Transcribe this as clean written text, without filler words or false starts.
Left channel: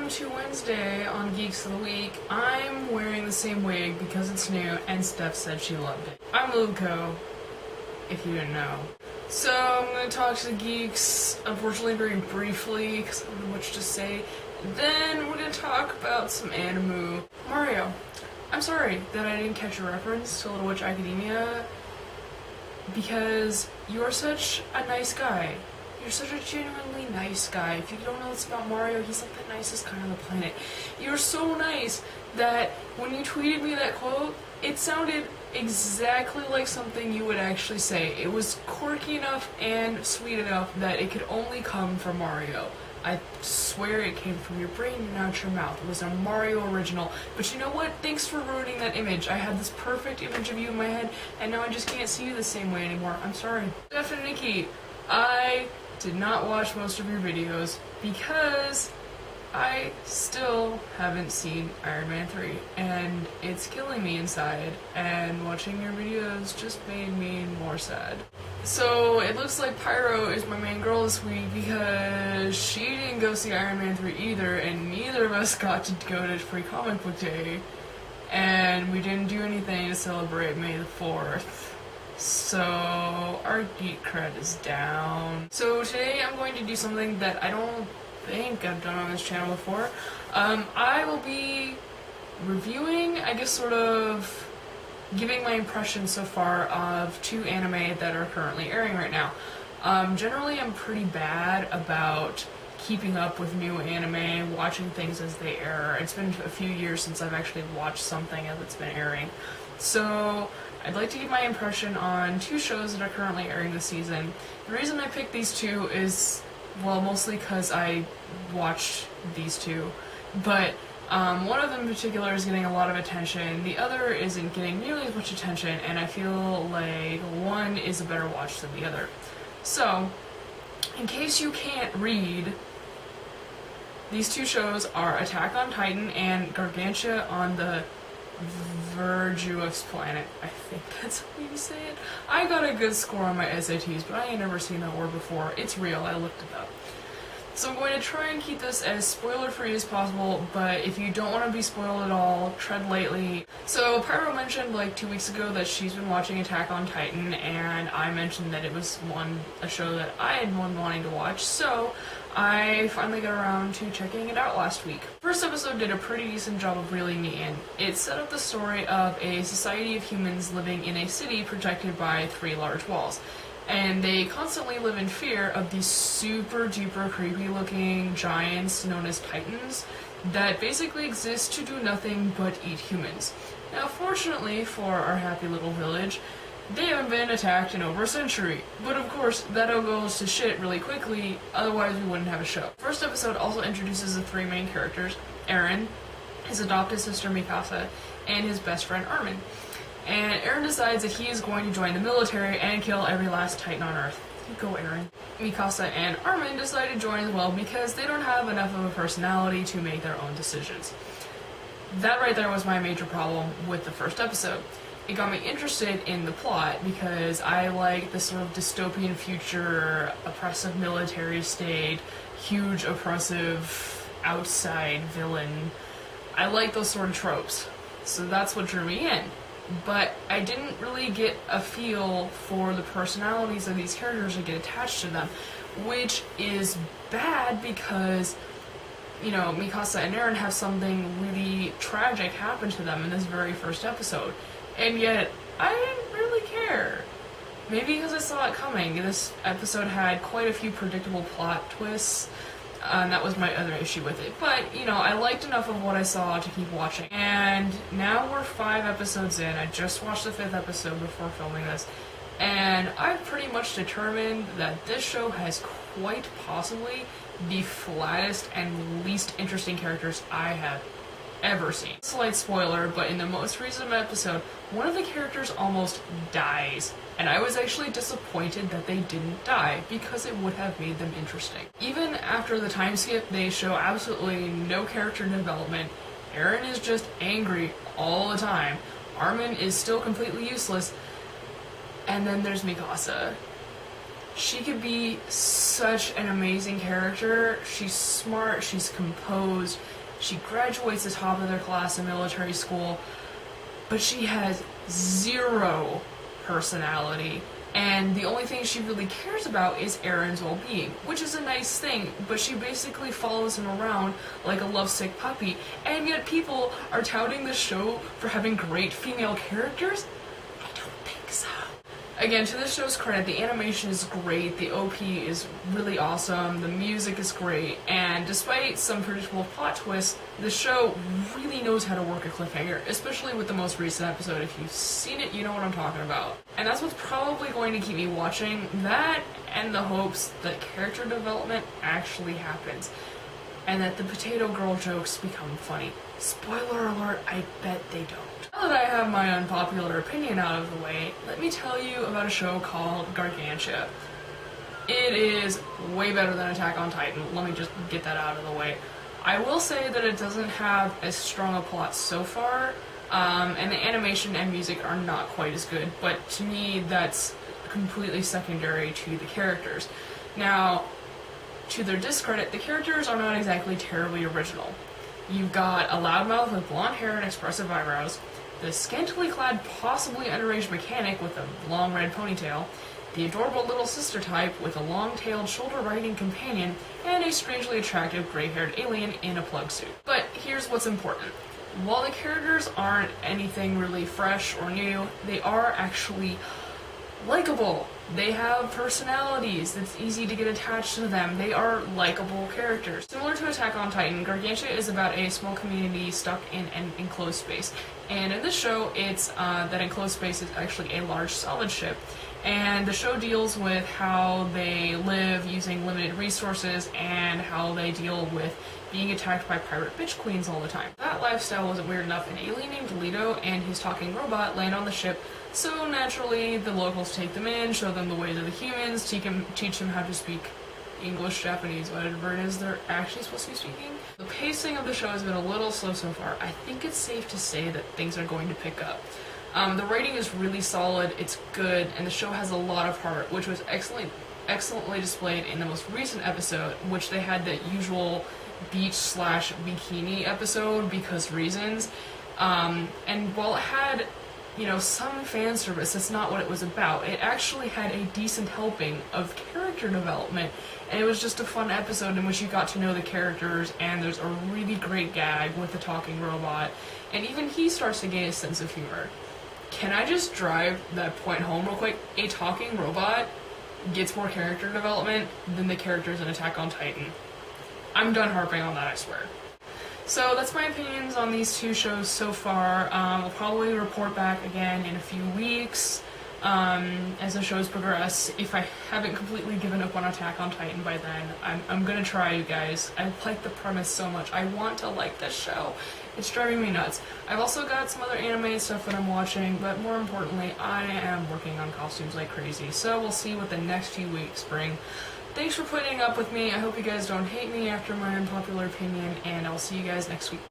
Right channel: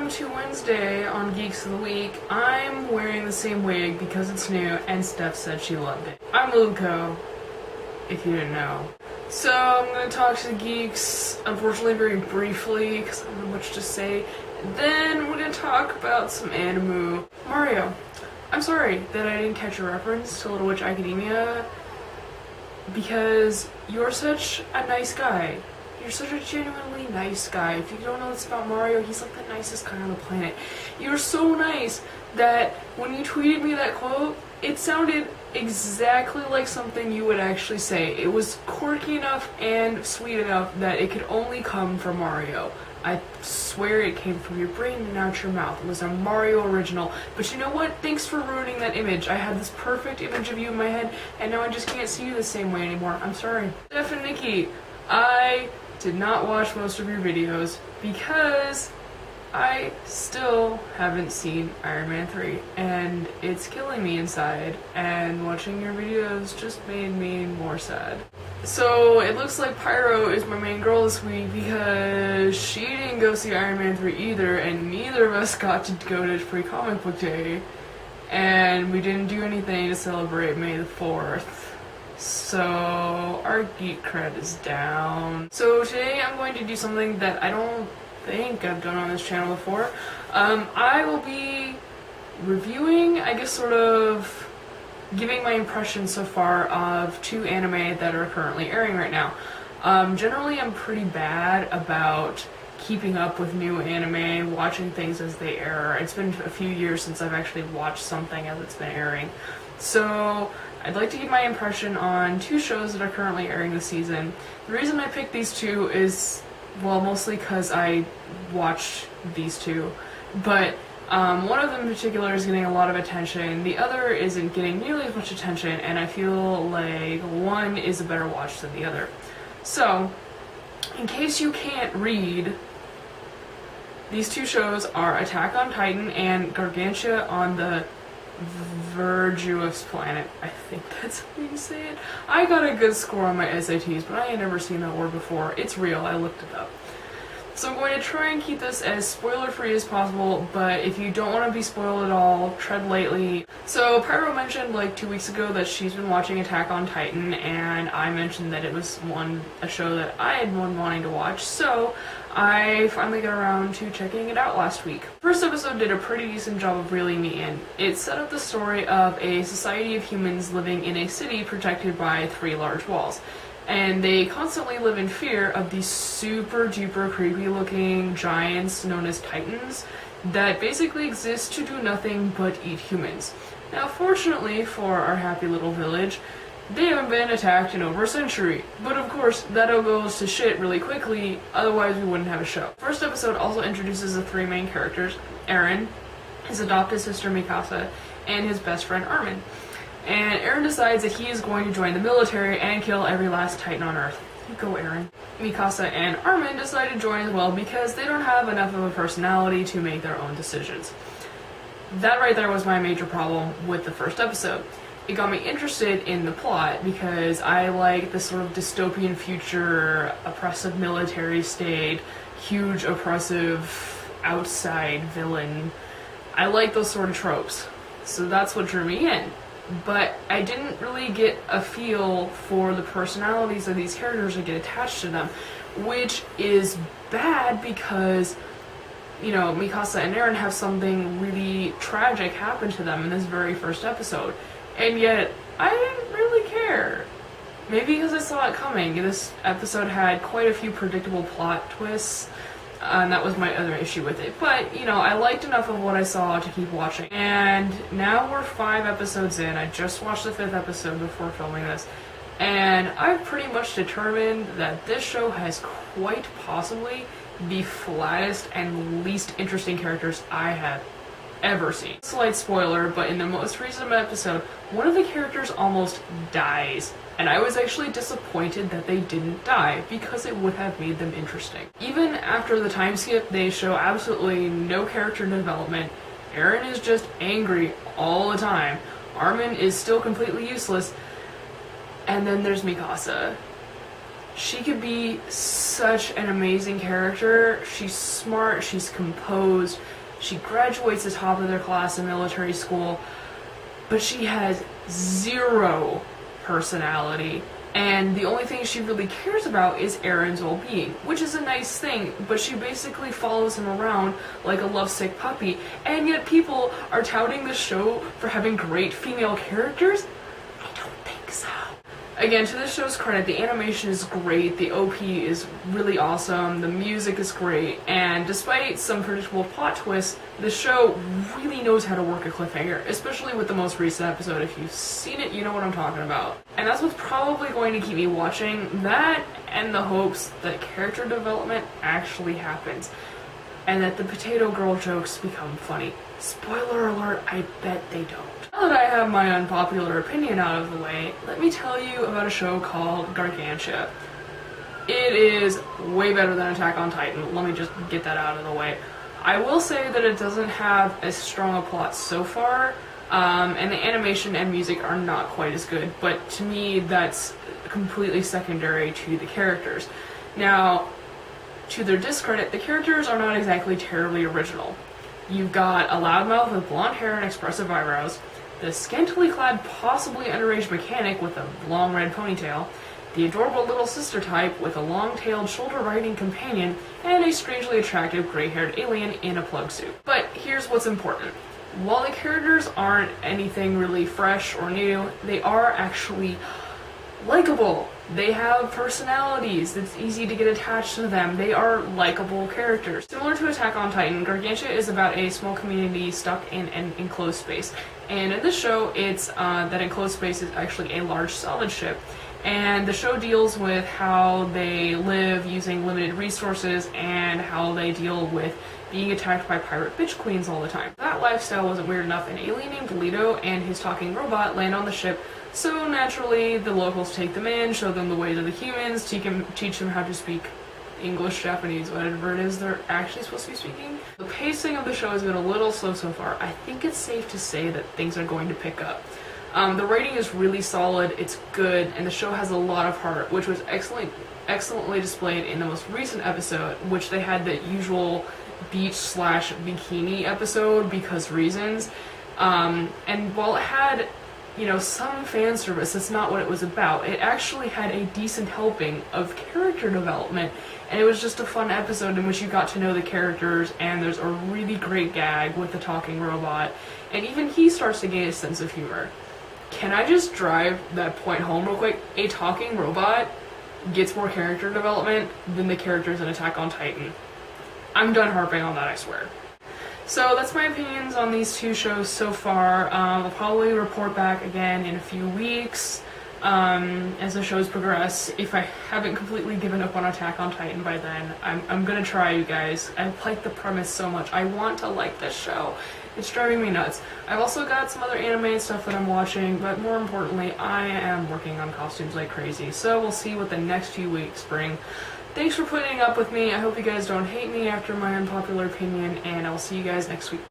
Welcome to Wednesday on Geeks of the Week. I'm wearing the same wig because it's new and Steph said she loved it. I'm Lulu, if you didn't know. So I'm going to talk to the geeks, unfortunately very briefly because I don't have much to say. Then we're going to talk about some anime. Mario, I'm sorry that I didn't catch a reference to Little Witch Academia because you're such a nice guy. You're such a genuinely nice guy. If you don't know this about Mario, he's like the nicest guy on the planet. You're so nice that when you tweeted me that quote, it sounded exactly like something you would actually say. It was quirky enough and sweet enough that it could only come from Mario. I swear it came from your brain and out your mouth. It was a Mario original. But you know what? Thanks for ruining that image. I had this perfect image of you in my head, and now I just can't see you the same way anymore. I'm sorry. Steph and Nikki, I did not watch most of your videos because I still haven't seen Iron Man 3 and it's killing me inside, and watching your videos just made me more sad. So it looks like Pyro is my main girl this week because she didn't go see Iron Man 3 either, and neither of us got to go to Free Comic Book Day, and we didn't do anything to celebrate May the 4th. So our geek cred is down. So today I'm going to do something that I don't think I've done on this channel before. I will be reviewing, I guess sort of giving my impressions so far of two anime that are currently airing right now. Generally I'm pretty bad about keeping up with new anime, watching things as they air. It's been a few years since I've actually watched something as it's been airing. So I'd like to give my impression on two shows that are currently airing this season. The reason I picked these two is, well, mostly because I watched these two, but one of them in particular is getting a lot of attention, the other isn't getting nearly as much attention, and I feel like one is a better watch than the other. So, in case you can't read, these two shows are Attack on Titan and Gargantia on the Virtuous Planet. I think that's how you say it. I got a good score on my SATs, but I ain't never seen that word before. It's real, I looked it up. So I'm going to try and keep this as spoiler-free as possible, but if you don't want to be spoiled at all, tread lightly. So Pyro mentioned like 2 weeks ago that she's been watching Attack on Titan, and I mentioned that it was a show that I had been wanting to watch, so I finally got around to checking it out last week. First episode did a pretty decent job of reeling me in. It set up the story of a society of humans living in a city protected by 3 large walls. And they constantly live in fear of these super duper creepy looking giants known as Titans that basically exist to do nothing but eat humans. Now fortunately for our happy little village, they haven't been attacked in over a century, but of course that all goes to shit really quickly, otherwise we wouldn't have a show. First episode also introduces the 3 main characters, Eren, his adopted sister Mikasa, and his best friend Armin. And Eren decides that he is going to join the military and kill every last Titan on Earth. Go Eren. Mikasa and Armin decide to join as well because they don't have enough of a personality to make their own decisions. That right there was my major problem with the first episode. It got me interested in the plot because I like this sort of dystopian future, oppressive military state, huge oppressive outside villain. I like those sort of tropes. So that's what drew me in. But I didn't really get a feel for the personalities of these characters or get attached to them, which is bad because, you know, Mikasa and Eren have something really tragic happen to them in this very first episode, and yet I didn't really care. Maybe because I saw it coming. This episode had quite a few predictable plot twists, and that was my other issue with it. But, you know, I liked enough of what I saw to keep watching. And now we're 5 episodes in. I just watched the 5th episode before filming this. And I've pretty much determined that this show has quite possibly the flattest and least interesting characters I have ever seen. Slight spoiler, but in the most recent episode, one of the characters almost dies. And I was actually disappointed that they didn't die, because it would have made them interesting. Even after the time skip, they show absolutely no character development. Eren is just angry all the time. Armin is still completely useless. And then there's Mikasa. She could be such an amazing character. She's smart, she's composed, she graduates the top of their class in military school, but she has zero personality. And the only thing she really cares about is Aaron's well-being, which is a nice thing, but she basically follows him around like a lovesick puppy, and yet people are touting the show for having great female characters? I don't think so. Again, to this show's credit, the animation is great, the OP is really awesome, the music is great, and despite some predictable plot twists, the show really knows how to work a cliffhanger, especially with the most recent episode. If you've seen it, you know what I'm talking about. And that's what's probably going to keep me watching, that and the hopes that character development actually happens, and that the potato girl jokes become funny. Spoiler alert, I bet they don't. Now that I have my unpopular opinion out of the way, let me tell you about a show called Gargantia. It is way better than Attack on Titan, let me just get that out of the way. I will say that it doesn't have as strong a plot so far, and the animation and music are not quite as good, but to me that's completely secondary to the characters. Now, to their discredit, the characters are not exactly terribly original. You've got a loudmouth with blonde hair and expressive eyebrows, the scantily clad, possibly underage mechanic with a long red ponytail, the adorable little sister type with a long-tailed, shoulder-riding companion, and a strangely attractive gray-haired alien in a plug suit. But here's what's important. While the characters aren't anything really fresh or new, they are actually likable. They have personalities. It's easy to get attached to them. They are likable characters. Similar to Attack on Titan, Gargantia is about a small community stuck in an enclosed space. And in this show, it's that enclosed space is actually a large solid ship. And the show deals with how they live using limited resources and how they deal with being attacked by pirate bitch queens all the time. That lifestyle wasn't weird enough. An alien named Lulu and his talking robot land on the ship, so naturally the locals take them in, show them the ways of the humans, teach them how to speak English, Japanese, whatever it is they're actually supposed to be speaking. The pacing of the show has been a little slow so far. I think it's safe to say that things are going to pick up. The writing is really solid, it's good, and the show has a lot of heart, which was excellently displayed in the most recent episode, which they had the usual beach/bikini episode because reasons. And while it had, some fan service, that's not what it was about. It actually had a decent helping of character development, and it was just a fun episode in which you got to know the characters, and there's a really great gag with the talking robot, and even he starts to gain a sense of humor. Can I just drive that point home real quick? A talking robot gets more character development than the characters in Attack on Titan. I'm done harping on that, I swear. So that's my opinions on these two shows so far. I'll probably report back again in a few weeks as the shows progress. If I haven't completely given up on Attack on Titan by then, I'm gonna try, you guys. I like the premise so much. I want to like this show. It's driving me nuts. I've also got some other anime stuff that I'm watching, but more importantly, I am working on costumes like crazy. So we'll see what the next few weeks bring. Thanks for putting up with me. I hope you guys don't hate me after my unpopular opinion, and I'll see you guys next week.